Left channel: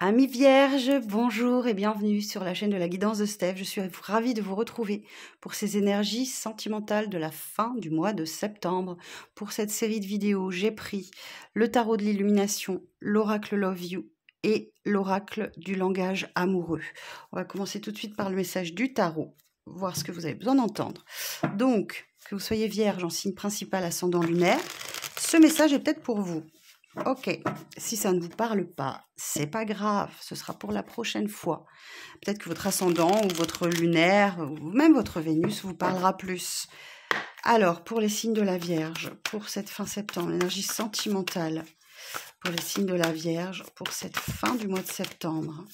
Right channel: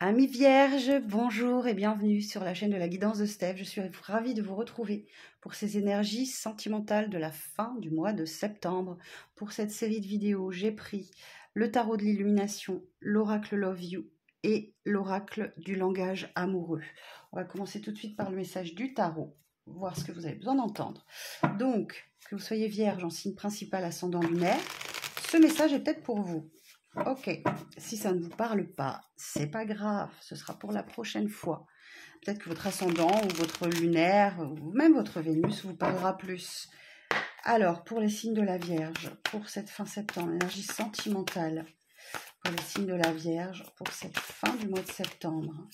Amis vierges, bonjour et bienvenue sur la chaîne de la guidance de Steph. Je suis ravie de vous retrouver pour ces énergies sentimentales de la fin du mois de septembre. Pour cette série de vidéos, j'ai pris le tarot de l'illumination, l'oracle Love You et l'oracle du langage amoureux. On va commencer tout de suite par le message du tarot, voir ce que vous avez besoin d'entendre. Donc, que vous soyez vierge en signe principal, ascendant lunaire, ce message est peut-être pour vous. Ok, si ça ne vous parle pas, c'est pas grave, ce sera pour la prochaine fois. Peut-être que votre ascendant ou votre lunaire ou même votre Vénus vous parlera plus. Alors, pour les signes de la Vierge, pour cette fin septembre, l'énergie sentimentale, pour les signes de la Vierge, pour cette fin du mois de septembre.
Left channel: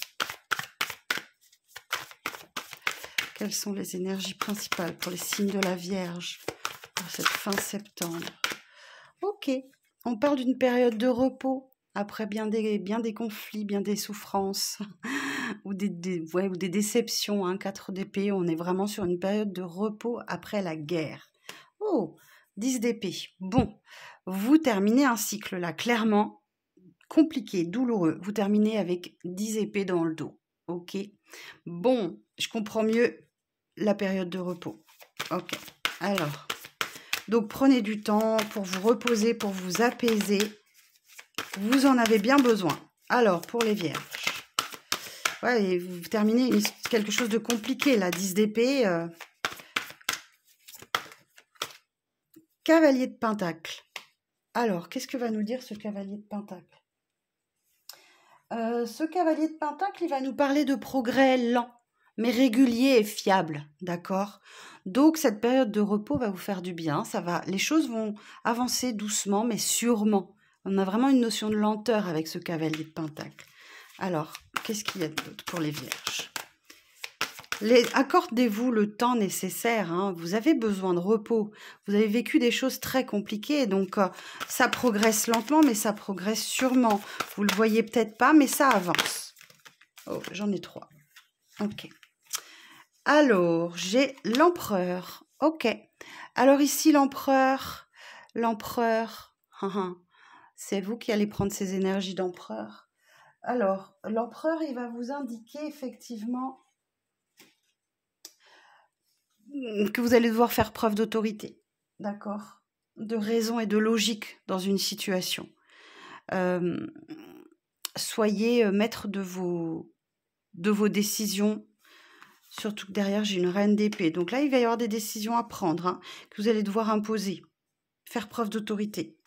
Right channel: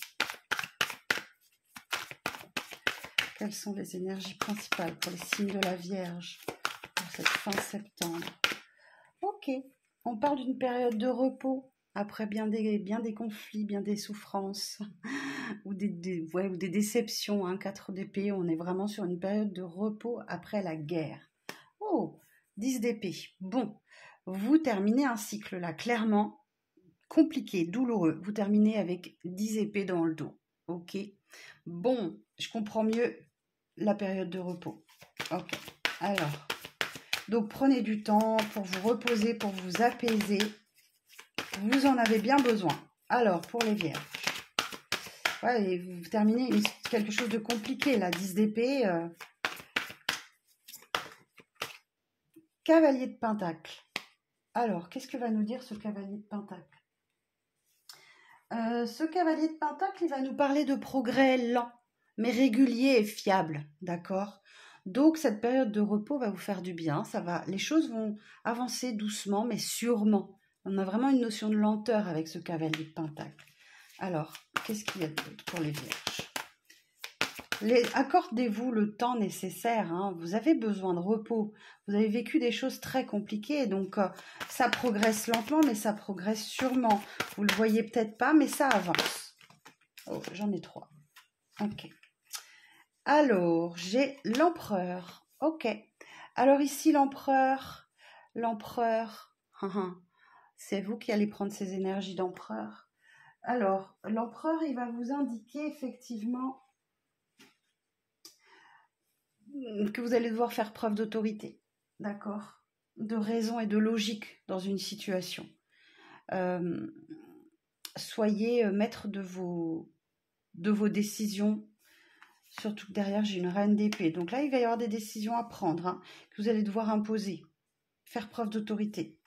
Quelles sont les énergies principales pour les signes de la Vierge, pour cette fin septembre? Ok. On parle d'une période de repos après bien des conflits, bien des souffrances ou des déceptions. Hein, 4 d'épée, on est vraiment sur une période de repos après la guerre. Oh, 10 d'épée. Bon, vous terminez un cycle là, clairement compliqué, douloureux. Vous terminez avec 10 épées dans le dos. Ok. Bon, je comprends mieux la période de repos. Ok. Alors... Donc, prenez du temps pour vous reposer, pour vous apaiser. Vous en avez bien besoin. Alors, pour les vierges. Ouais, et vous terminez quelque chose de compliqué, là. 10 d'épée. Cavalier de pentacle. Alors, qu'est-ce que va nous dire ce cavalier de pentacle? Ce cavalier de pentacle, il va nous parler de progrès lent, mais régulier et fiable. D'accord ? Donc, cette période de repos va vous faire du bien. Les choses vont avancer doucement, mais sûrement. On a vraiment une notion de lenteur avec ce cavalier de pentacle. Alors, qu'est-ce qu'il y a d'autre pour les vierges? Accordez-vous le temps nécessaire. Hein. Vous avez besoin de repos. Vous avez vécu des choses très compliquées. Donc, ça progresse lentement, mais ça progresse sûrement. Vous ne le voyez peut-être pas, mais ça avance. Oh, j'en ai 3. Ok. Alors, j'ai l'empereur. Ok. Alors ici, l'empereur, c'est vous qui allez prendre ces énergies d'empereur. Alors, l'empereur, il va vous indiquer effectivement que vous allez devoir faire preuve d'autorité, d'accord? De raison et de logique dans une situation. Soyez maître de vos décisions. Surtout que derrière, j'ai une reine d'épée. Donc là, il va y avoir des décisions à prendre, hein, que vous allez devoir imposer, faire preuve d'autorité.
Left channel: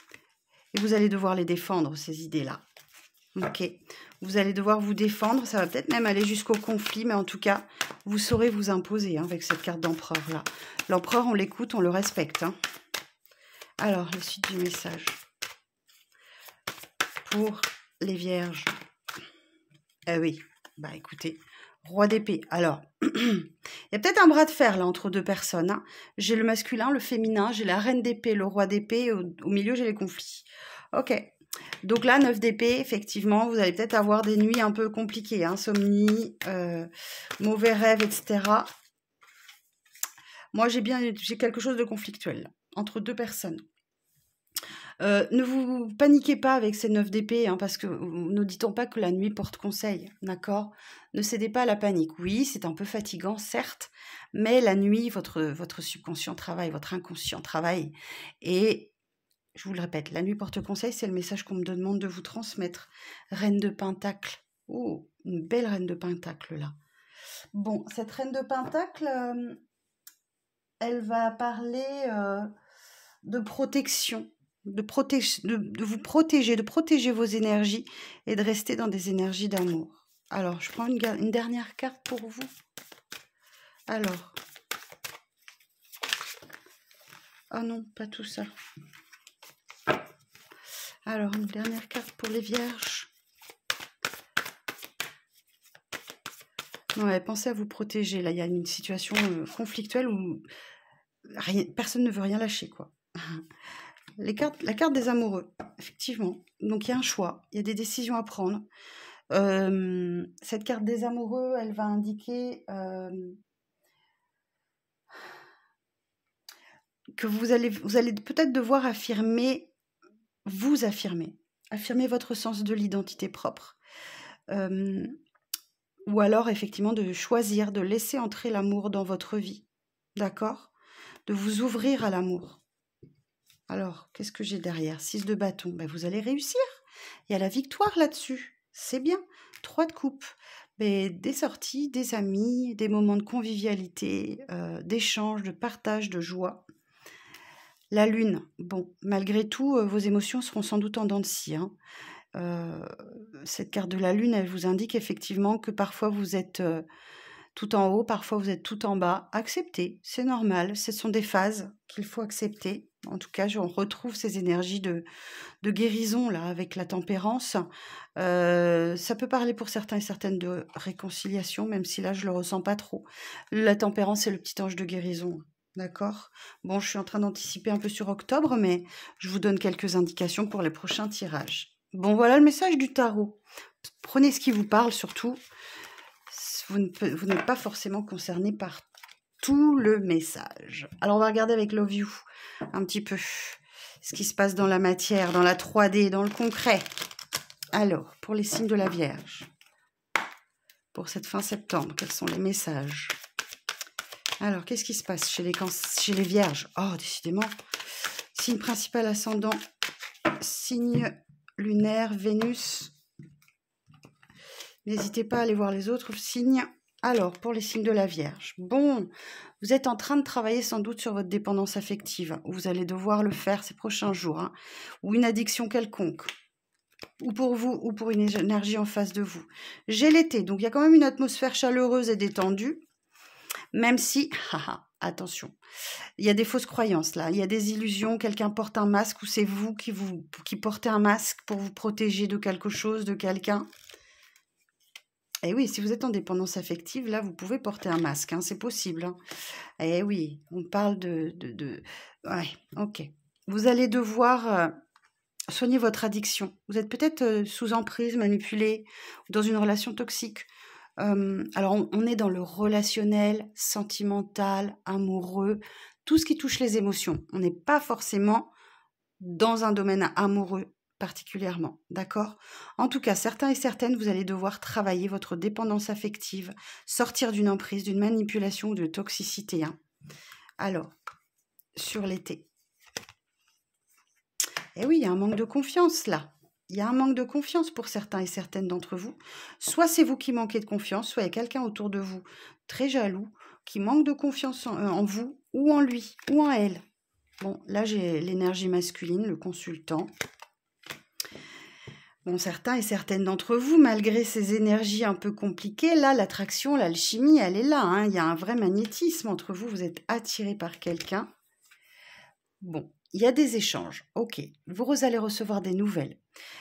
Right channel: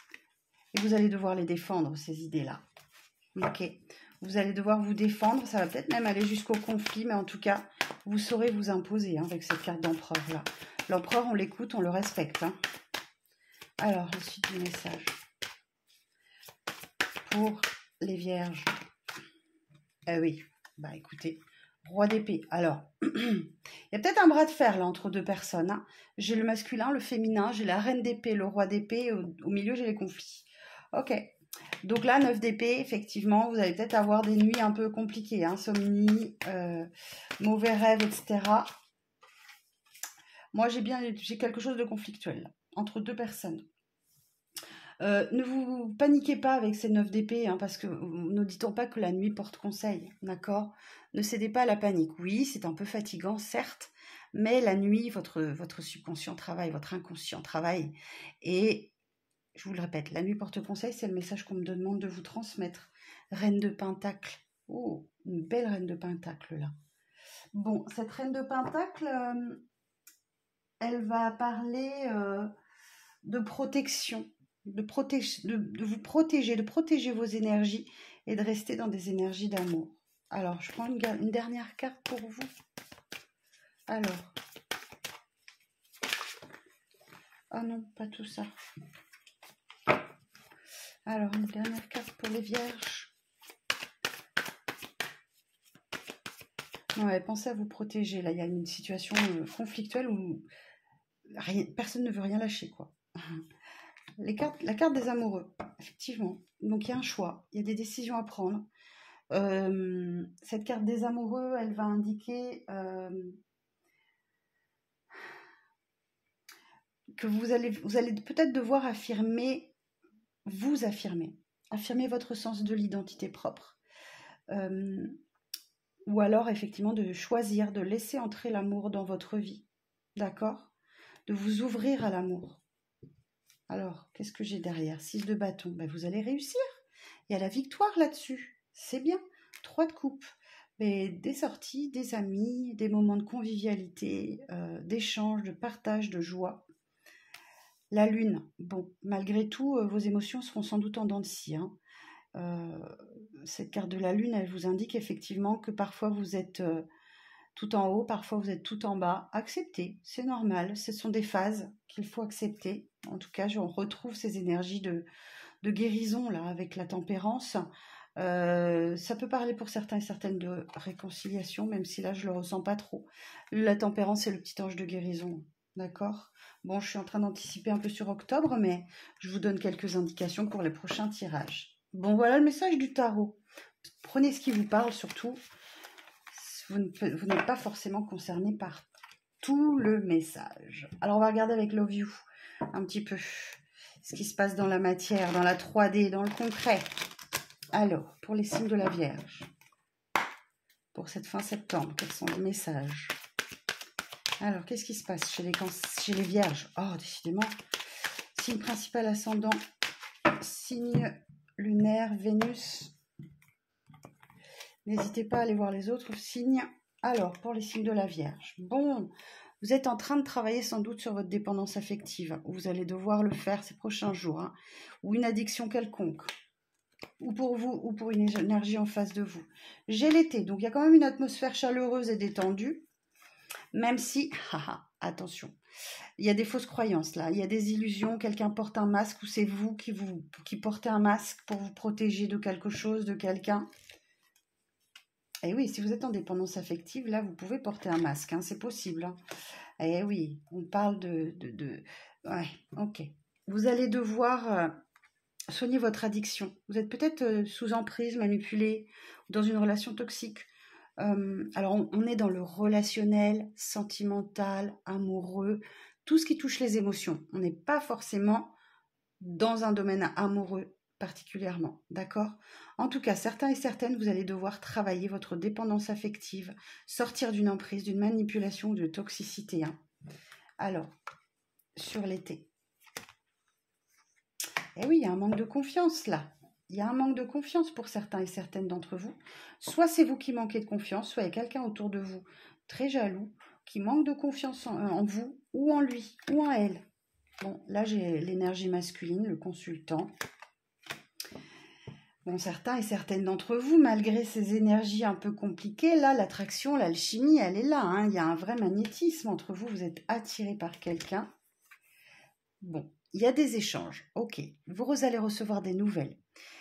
Et vous allez devoir les défendre, ces idées-là. Ok. Vous allez devoir vous défendre. Ça va peut-être même aller jusqu'au conflit, mais en tout cas, vous saurez vous imposer hein, avec cette carte d'empereur-là. L'empereur, on l'écoute, on le respecte. Hein. Alors, la suite du message. Pour les vierges. Eh oui, bah écoutez... Roi d'épée. Alors, il y a peut-être un bras de fer là entre deux personnes. Hein. J'ai le masculin, le féminin, j'ai la reine d'épée, le roi d'épée. Au milieu, j'ai les conflits. Ok. Donc là, 9 d'épée, effectivement, vous allez peut-être avoir des nuits un peu compliquées. Insomnie, mauvais rêves, etc. Moi, j'ai quelque chose de conflictuel là, entre deux personnes. Ne vous paniquez pas avec ces 9 d'épée, hein, parce que ne dit-on pas que la nuit porte conseil, d'accord? Ne cédez pas à la panique. Oui, c'est un peu fatigant, certes, mais la nuit, votre subconscient travaille, votre inconscient travaille. Et je vous le répète, la nuit porte conseil, c'est le message qu'on me demande de vous transmettre. Reine de Pentacle. Oh, une belle reine de Pentacle, là. Bon, cette reine de Pentacle, elle va parler de protection. De vous protéger, de protéger vos énergies et de rester dans des énergies d'amour. Alors, je prends une dernière carte pour vous. Alors. Oh non, pas tout ça. Alors, une dernière carte pour les vierges. Ouais, pensez à vous protéger. Là, il y a une situation conflictuelle où personne ne veut rien lâcher, quoi. La carte des amoureux, effectivement. Donc, il y a un choix, il y a des décisions à prendre. Cette carte des amoureux, elle va indiquer que vous allez peut-être devoir affirmer votre sens de l'identité propre. ou alors effectivement de choisir, de laisser entrer l'amour dans votre vie, d'accord? De vous ouvrir à l'amour. Alors, qu'est-ce que j'ai derrière? 6 de bâton, ben, vous allez réussir. Il y a la victoire là-dessus, c'est bien. 3 de coupe, mais des sorties, des amis, des moments de convivialité, d'échange, de partage, de joie. La lune, bon, malgré tout, vos émotions seront sans doute en dents de scie, hein. Cette carte de la lune, elle vous indique effectivement que parfois vous êtes tout en haut, parfois vous êtes tout en bas. Acceptez, c'est normal, ce sont des phases qu'il faut accepter. En tout cas, on retrouve ces énergies de guérison là avec la tempérance. Ça peut parler pour certains et certaines de réconciliation, même si là je le ressens pas trop. La tempérance, c'est le petit ange de guérison. D'accord? Bon, je suis en train d'anticiper un peu sur octobre, mais je vous donne quelques indications pour les prochains tirages. Bon, voilà le message du tarot. Prenez ce qui vous parle, surtout. Vous n'êtes pas forcément concerné par tout le message. Alors, on va regarder avec Love You un petit peu ce qui se passe dans la matière, dans la 3D, dans le concret. Alors, pour les signes de la Vierge, pour cette fin septembre, quels sont les messages? Alors, qu'est-ce qui se passe chez les Vierges? Oh, décidément, signe principal ascendant, signe lunaire, Vénus. N'hésitez pas à aller voir les autres signes. Alors, pour les signes de la Vierge, bon, vous êtes en train de travailler sans doute sur votre dépendance affective. Vous allez devoir le faire ces prochains jours, hein, ou une addiction quelconque, ou pour vous, ou pour une énergie en face de vous. J'ai l'été, donc il y a quand même une atmosphère chaleureuse et détendue, même si, attention, il y a des fausses croyances là, il y a des illusions, quelqu'un porte un masque, ou c'est vous qui portez un masque pour vous protéger de quelque chose, de quelqu'un. Et oui, si vous êtes en dépendance affective, là, vous pouvez porter un masque, hein, c'est possible. Hein. Eh oui, on parle Ouais, ok. Vous allez devoir soigner votre addiction. Vous êtes peut-être sous emprise, manipulé, dans une relation toxique. Alors, on est dans le relationnel, sentimental, amoureux, tout ce qui touche les émotions. On n'est pas forcément dans un domaine amoureux particulièrement, d'accord? En tout cas, certains et certaines, vous allez devoir travailler votre dépendance affective, sortir d'une emprise, d'une manipulation ou de toxicité. Hein. Alors, sur l'été. Eh oui, il y a un manque de confiance là. Il y a un manque de confiance pour certains et certaines d'entre vous. Soit c'est vous qui manquez de confiance, soit il y a quelqu'un autour de vous très jaloux, qui manque de confiance en vous, ou en lui, ou en elle. Bon, là j'ai l'énergie masculine, le consultant. Bon, certains et certaines d'entre vous, malgré ces énergies un peu compliquées, là, l'attraction, l'alchimie, elle est là. Hein. Il y a un vrai magnétisme entre vous. Vous êtes attiré par quelqu'un. Bon, il y a des échanges. Ok, vous allez recevoir des nouvelles.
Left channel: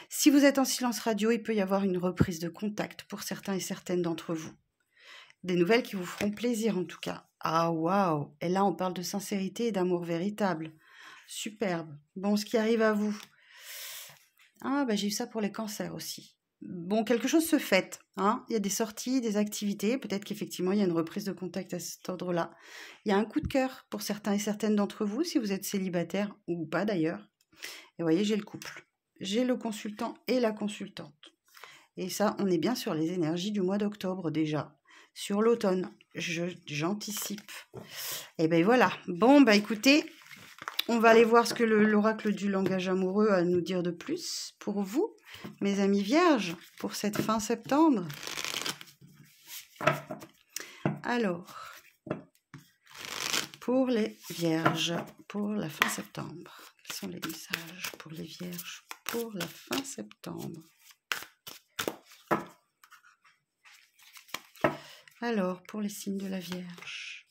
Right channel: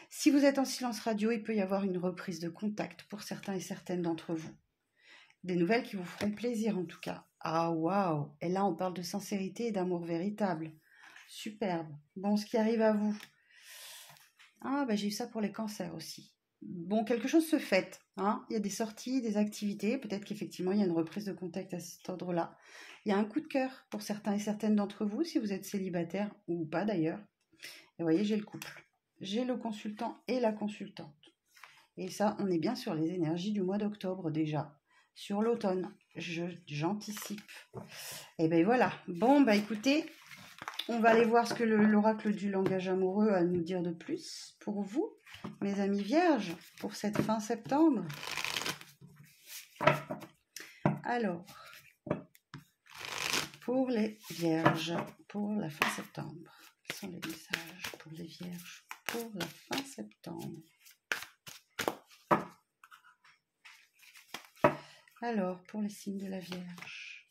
Si vous êtes en silence radio, il peut y avoir une reprise de contact pour certains et certaines d'entre vous. Des nouvelles qui vous feront plaisir en tout cas. Ah, waouh! Et là, on parle de sincérité et d'amour véritable. Superbe. Bon, ce qui arrive à vous. Ah, bah, j'ai eu ça pour les cancers aussi. Bon, quelque chose se fait. Hein. Il y a des sorties, des activités. Peut-être qu'effectivement, il y a une reprise de contact à cet ordre-là. Il y a un coup de cœur pour certains et certaines d'entre vous, si vous êtes célibataire ou pas d'ailleurs. Et vous voyez, j'ai le couple. J'ai le consultant et la consultante. Et ça, on est bien sur les énergies du mois d'octobre déjà. Sur l'automne, j'anticipe. Et ben voilà. Bon, bah écoutez, on va aller voir ce que l'oracle du langage amoureux a à nous dire de plus pour vous, mes amis vierges, pour cette fin septembre. Alors, pour les vierges, pour la fin septembre, quels sont les messages pour les vierges pour la fin septembre? Alors, pour les signes de la Vierge.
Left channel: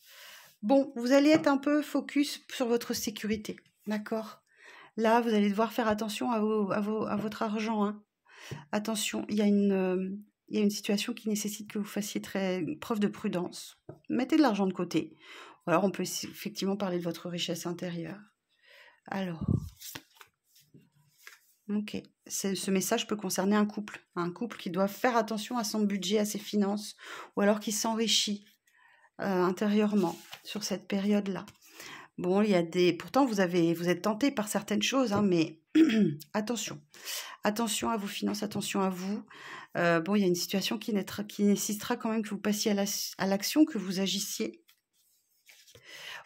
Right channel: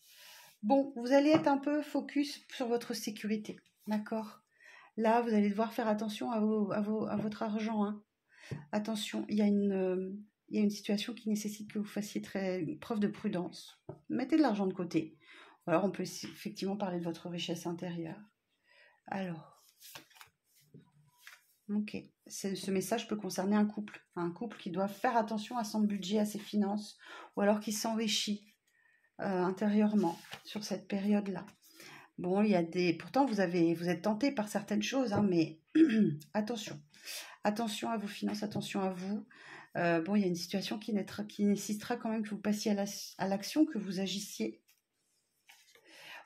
Bon, vous allez être un peu focus sur votre sécurité, d'accord? Là, vous allez devoir faire attention à votre argent. Hein. Attention, il y a une situation qui nécessite que vous fassiez preuve de prudence. Mettez de l'argent de côté. Ou alors, on peut effectivement parler de votre richesse intérieure. Alors, ok. Ce message peut concerner un couple qui doit faire attention à son budget, à ses finances, ou alors qui s'enrichit intérieurement sur cette période-là. Bon, il y a pourtant vous êtes tenté par certaines choses, hein, mais attention à vos finances, attention à vous. Bon, il y a une situation qui nécessitera quand même que vous passiez à l'action, que vous agissiez.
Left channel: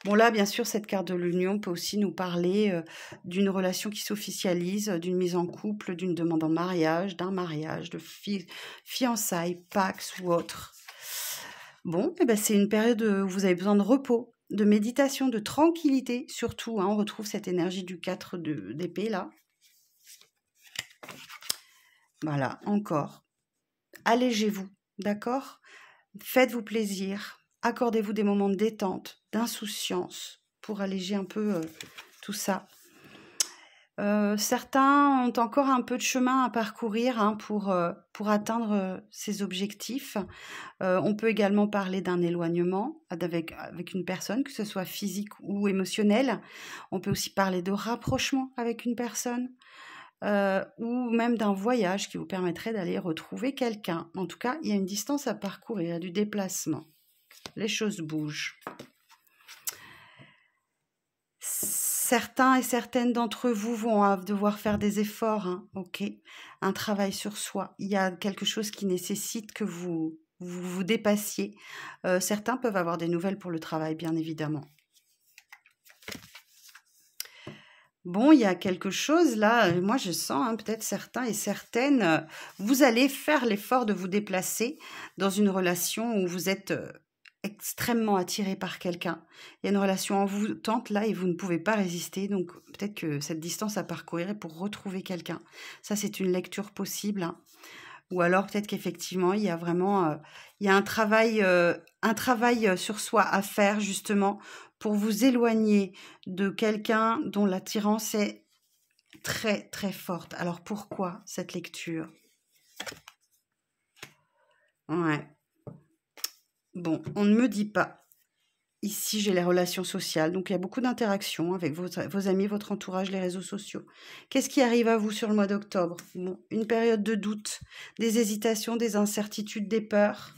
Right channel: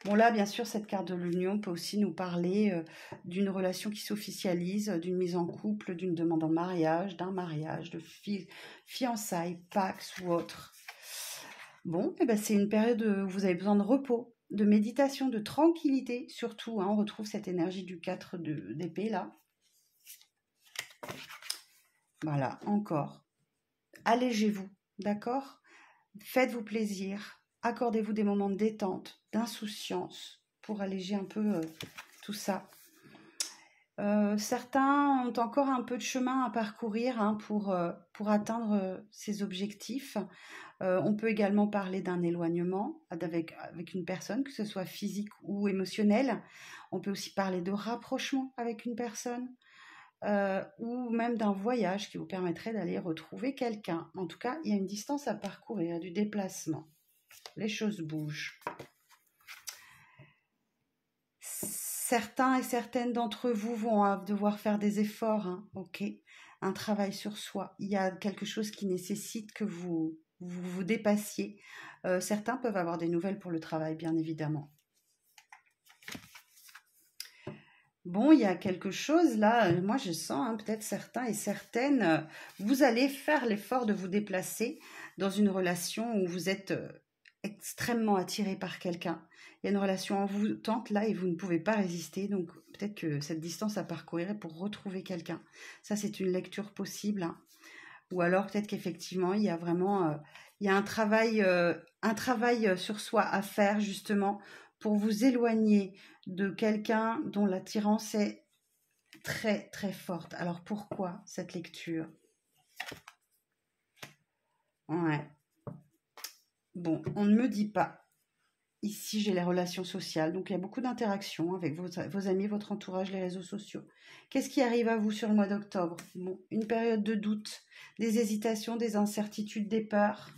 Bon, là, bien sûr, cette carte de l'union peut aussi nous parler d'une relation qui s'officialise, d'une mise en couple, d'une demande en mariage, d'un mariage, de fiançailles, pax ou autre. Bon, eh ben, c'est une période où vous avez besoin de repos, de méditation, de tranquillité, surtout. Hein, on retrouve cette énergie du 4 d'épée, là. Voilà, encore. Allégez-vous, d'accord? Faites-vous plaisir. Accordez-vous des moments de détente, d'insouciance, pour alléger un peu tout ça. Certains ont encore un peu de chemin à parcourir hein, pour atteindre ces objectifs. On peut également parler d'un éloignement avec une personne, que ce soit physique ou émotionnel. On peut aussi parler de rapprochement avec une personne. Ou même d'un voyage qui vous permettrait d'aller retrouver quelqu'un. En tout cas, il y a une distance à parcourir, il y a du déplacement. Les choses bougent. Certains et certaines d'entre vous vont devoir faire des efforts, hein, ok, un travail sur soi. Il y a quelque chose qui nécessite que vous dépassiez. Certains peuvent avoir des nouvelles pour le travail, bien évidemment. Bon, il y a quelque chose là, moi je sens, hein, peut-être certains et certaines, vous allez faire l'effort de vous déplacer dans une relation où vous êtes extrêmement attiré par quelqu'un. Il y a une relation envoûtante là et vous ne pouvez pas résister, donc peut-être que cette distance à parcourir est pour retrouver quelqu'un. Ça, c'est une lecture possible. Hein. Ou alors peut-être qu'effectivement, il y a vraiment il y a un travail sur soi à faire justement pour vous éloigner de quelqu'un dont l'attirance est très très forte. Alors pourquoi cette lecture? Ouais. Bon, on ne me dit pas. Ici, j'ai les relations sociales, donc il y a beaucoup d'interactions avec vos amis, votre entourage, les réseaux sociaux. Qu'est-ce qui arrive à vous sur le mois d'octobre? Bon, une période de doute, des hésitations, des incertitudes, des peurs.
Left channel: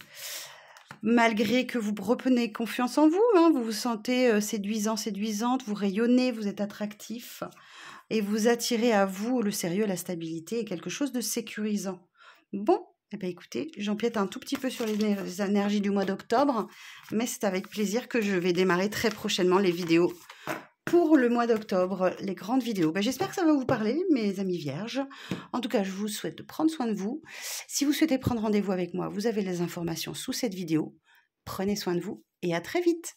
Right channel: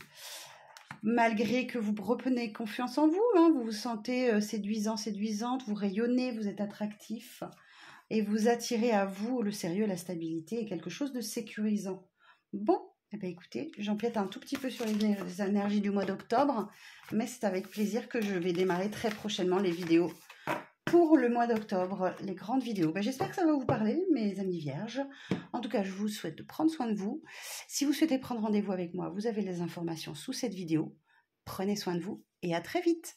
Malgré que vous reprenez confiance en vous, hein, vous vous sentez séduisant, séduisante, vous rayonnez, vous êtes attractif et vous attirez à vous le sérieux, la stabilité et quelque chose de sécurisant. Bon, eh bien, écoutez, j'empiète un tout petit peu sur les énergies du mois d'octobre, mais c'est avec plaisir que je vais démarrer très prochainement les vidéos pour le mois d'octobre, les grandes vidéos. J'espère que ça va vous parler, mes amis vierges. En tout cas, je vous souhaite de prendre soin de vous. Si vous souhaitez prendre rendez-vous avec moi, vous avez les informations sous cette vidéo. Prenez soin de vous et à très vite.